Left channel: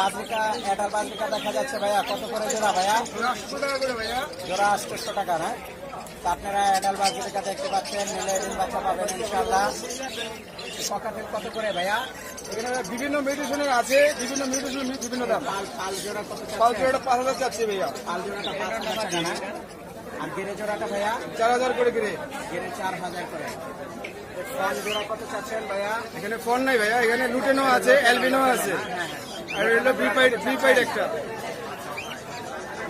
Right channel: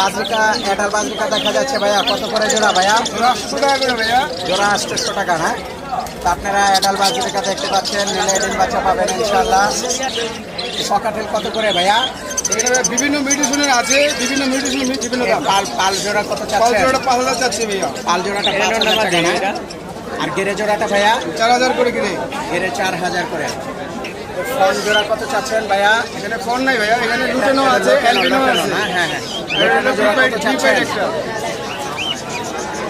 বাজরিকা adult বাজরিকা দেখা যাচ্ছে ভাইয়া, কত করে জোড়া ভাইয়া? 800 টাকা করে ভাইয়া। জোড়া 800 টাকা না? তা আপনারা অ্যাডাল বাজরিকা দেখতে পাচ্ছেন, নিলে ডিম বাচ্চা পাবেন ইনশাআল্লাহ। ককাটেল কত করে ভাইয়া? এখানে বিভিন্ন মিউটেশনের আছে, বিভিন্ন মিউটেশনের বিভিন্ন দাম। পাল জোড়া কত পাল চাচ্ছেন? জোড়াটা 5000 চাচ্ছি ভাইয়া। পাল জোড়াটা 5000 টাকা না? আর গেরে জোড়াটা ভাইয়া? 4000 করে কিনে। গেরে 4000 করে। ফোন জোড়া কত চাচ্ছেন ভাইয়া? এখানে ফোন নাই ভাইয়া, এখানে লুটেনো আছে, অ্যালবিনো আছে। হ্যাঁ হ্যাঁ, এটা জোড়া কত প্রিপেড চাচ্ছেন? একটা।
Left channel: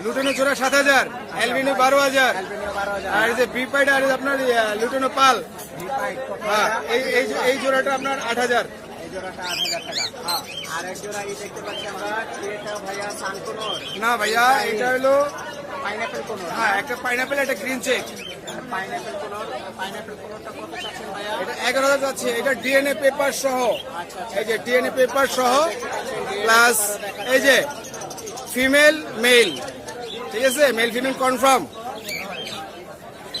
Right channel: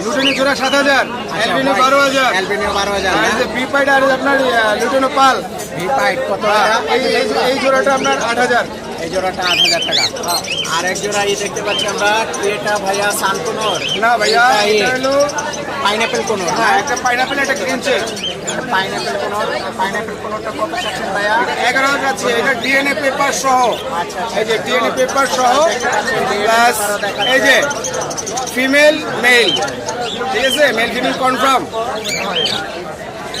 লুটেনো জোড়া 7000, অ্যালবিনো 12000। অ্যালবিনো 12000 আর না? এই যে প্রিপেড আর আপনার লুটেনো পাল, ভিপাইট কত ভাইয়া? এই জোড়াটা আপনার 8000। এই জোড়াটা 8000 টাকা। আর এক জোড়া দেখতে পাচ্ছি আমরা, এটা ভাইয়া সানকুনোর না ভাইয়া, এটা হলো পাইনাপেল কোনোর না? একটা পাইনাপেল, একটা গ্রিন চেক। পাইনাপেল কোনোর। পাইনাপেল কোনোরটা কত চাচ্ছেন ভাইয়া? 11 যাচ্ছে, এটা ডিএনএ পেপার সহ। আচ্ছা আচ্ছা, এই যে ডিএনএ পেপার সহ, দেখতে পাচ্ছেন DNA প্লাস পেপারও দেখাচ্ছে। এই যে ফিমেল মেল, ঠিক আছে, মেল ফিমেল কনফার্ম।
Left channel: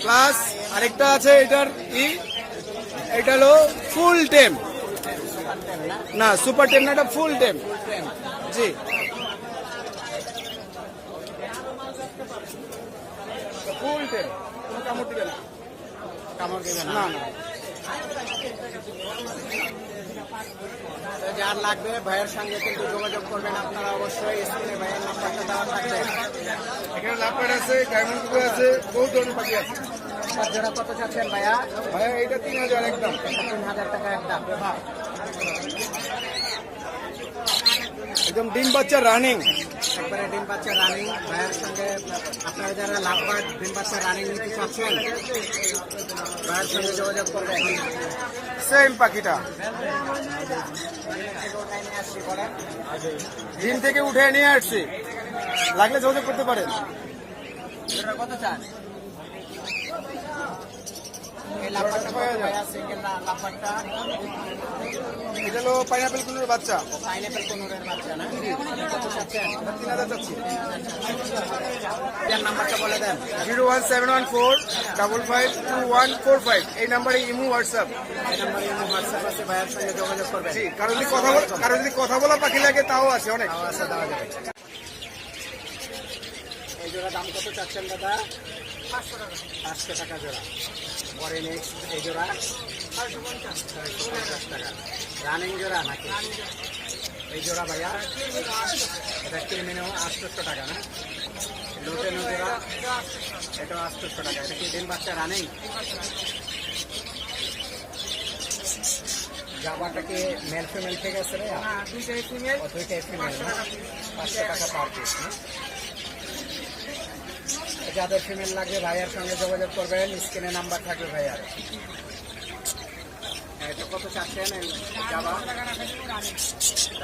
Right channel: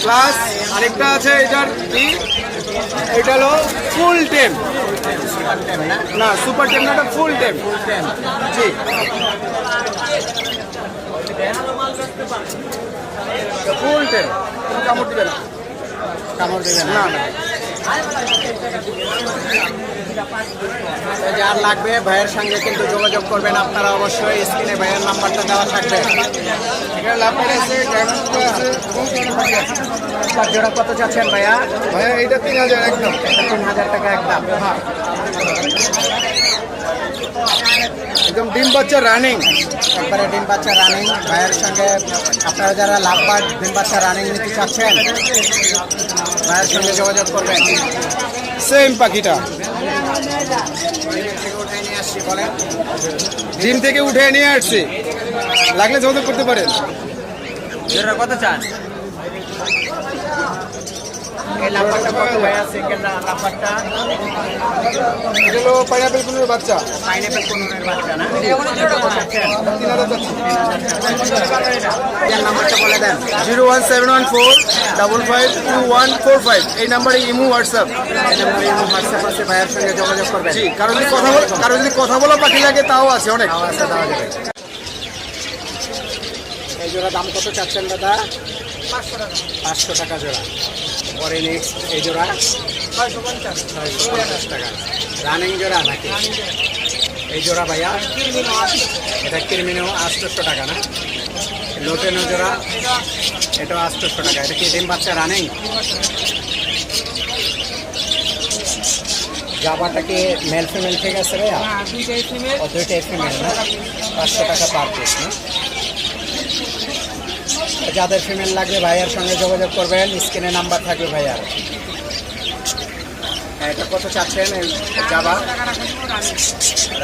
প্লাস আরেকটা আছে, এটার কি, এটা হলো ফুল টেম। সুপার টেম না? না সুপার টেম না, এটা ফুল টেম। ফুল টেম। জি, ফুল টেম, কোনো কামড় দিবে না। কামড় দেবে না? না না, তো যার লাগবে ভাইয়ের সঙ্গে কিন্তু যোগাযোগ করবেন আপনারা অবশ্যই। স্ক্রিনে ভাইয়ের নাম্বারটা দেওয়া থাকবে। এখানে লাভবার আছে, ডায়মন্ড আছে, বহুত ধরনের পাখি আছে। আপনার জোড়া কত চাচ্ছেন ভাইয়া? ভাইয়া এইটা 3000 একদম। 3000 টাকা একদম। হ্যাঁ, একদম ডিম বাচ্চা রানিং। একবারে ডিম বাচ্চা রানিং। ভাইয়ের সঙ্গে আপনারা যারা লাভবার ডিম বাচ্চা রানিং নিতে চাচ্ছেন, ভাইয়ের সঙ্গে যোগাযোগ করবেন। সেম পাখিটা বলেন। ডিম থেকে উঠে নিয়ে আসছে, লাগলে যোগাযোগ করতে পারেন। কত চান? এই লাভবারটা কত ভাইয়া? সিঙ্গেল লাভবারটা এগুলো পাইনাপেল কুমিরের বাচ্চা, পাইনাপেল কোনোরের বাচ্চা না? কত চাচ্ছেন? 3000 যাচ্ছে। এর নাম্বারটা বলে দেন। 01714552145, এই নাম্বারে ইমো হোয়াটসঅ্যাপ। এই নাম্বারে হোয়াটসঅ্যাপ আছে, ভাইয়ের সঙ্গে যোগাযোগ করবেন। জি, কারো যদি কথা বলা পাখি লাগে তাও আছে অনেক। দেওয়া আছে, দেওয়া যাবে। এই জোড়া দাম কত চাচ্ছেন দাদা? 500 টাকা জোড়া। পরে নেক্সট এই জোড়া 650 টাকা। রানিং জোড়া নাকি? এই জোড়া ভাইয়া? এটা কিরমিনো 800 টাকা না? লোটেনো জোড়া এটাও 800 টাকা। এটা কি ডিম বাচ্চা রানিং? জাবাটা কি মেল ফিমেল ঠিক আছে ভাইয়া? ও দুইটাই ফিমেল না? 500 টাকা পার পিস না? যাদের ফিমেল লাগবে ভাইয়ার সঙ্গে যোগাযোগ করবেন, স্ক্রিনে নাম্বার থাকবে ভাইয়ার। এটা কত চাচ্ছেন এই জাবা?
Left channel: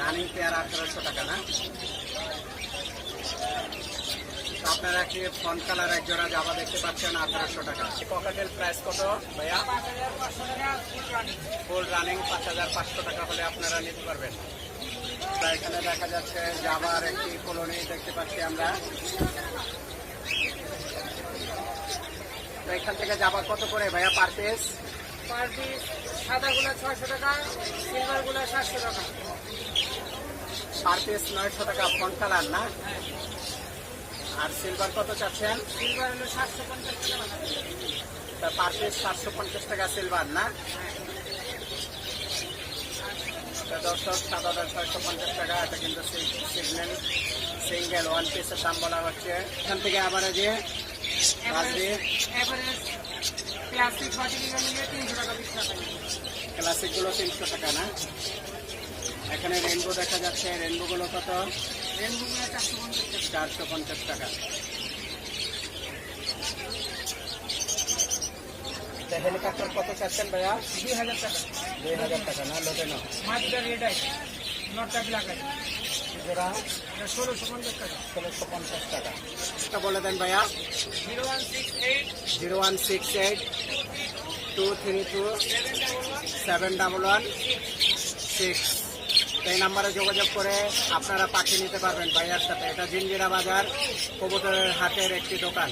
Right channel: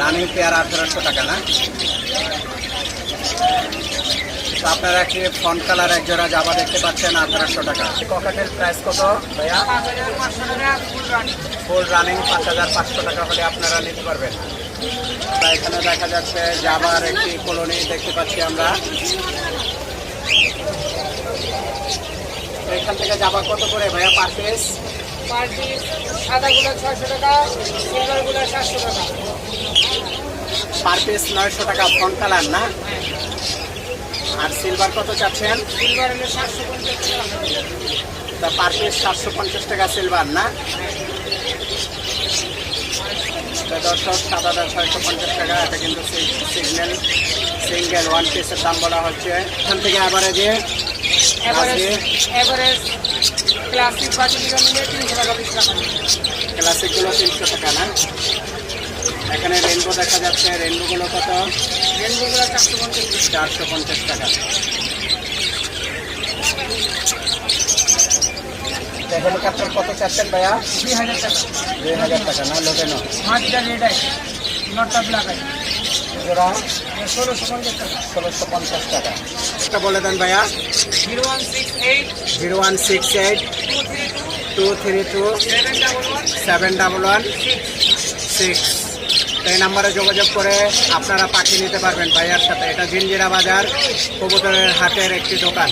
রানিং পেয়ার 1800 টাকা না? তো আপনারা একটি ফন্ট কালার এক জোড়া জাবা দেখতে পাচ্ছেন 1800 টাকা। ককাটেল প্রাইস কত ভাইয়া? ফুল রানিং 5500 টাকা হলে আপনারা নিতে পারবেন। তা এখানে দেখা যাচ্ছে জাবার একটি কলোনি দেখতে পাচ্ছি আমরা। এখান থেকে যাবা কত করে ভাইয়া পার পিস? সাদাগুলো 600 টাকা, সিলভারগুলো 700 টাকা। পার পিস 900 টাকা ফন্ট কালার না? আর সিলভার কত চাচ্ছেন? সিলভার হলো 750 টাকা। তা পার পিস 750 টাকা সিলভার না? তা দর্শক, সাদাটা 650 টাকা। এটা কিন্তু সিগন্যাল সিঙ্গেল ওয়ান পিসের দাম বলা হচ্ছে। এখান থেকে অ্যাভারেজে এভারেজ ক্লাসিক বাটিগুলো নিলে 300 টাকা 20 টাকা। ক্লাসিকগুলো 300 টাকা না? এখানে রেনবো দেখা যাচ্ছে, রেনবোগুলো কত? রেনবোগুলো 450 টাকা। 450 টাকা। হেলিকপ্টার কত চাচ্ছেন ভাইয়া? 2000 টাকা। 2000 টাকা না? লোটেনো মাটিটা রেড আই, নটটা ব্ল্যাক আই। জোড়া 1650 টাকা। 1650 টাকা। এটা বলে দেন ভাইয়া। 0168 0168 232 711 6। এই নাম্বারে যোগাযোগ করে আপনারা পাখি নিতে পারবেন ভাইয়ার সাথে। এটা জিঞ্জিরা বাজার কবুতরের হাটের একটি দোকান।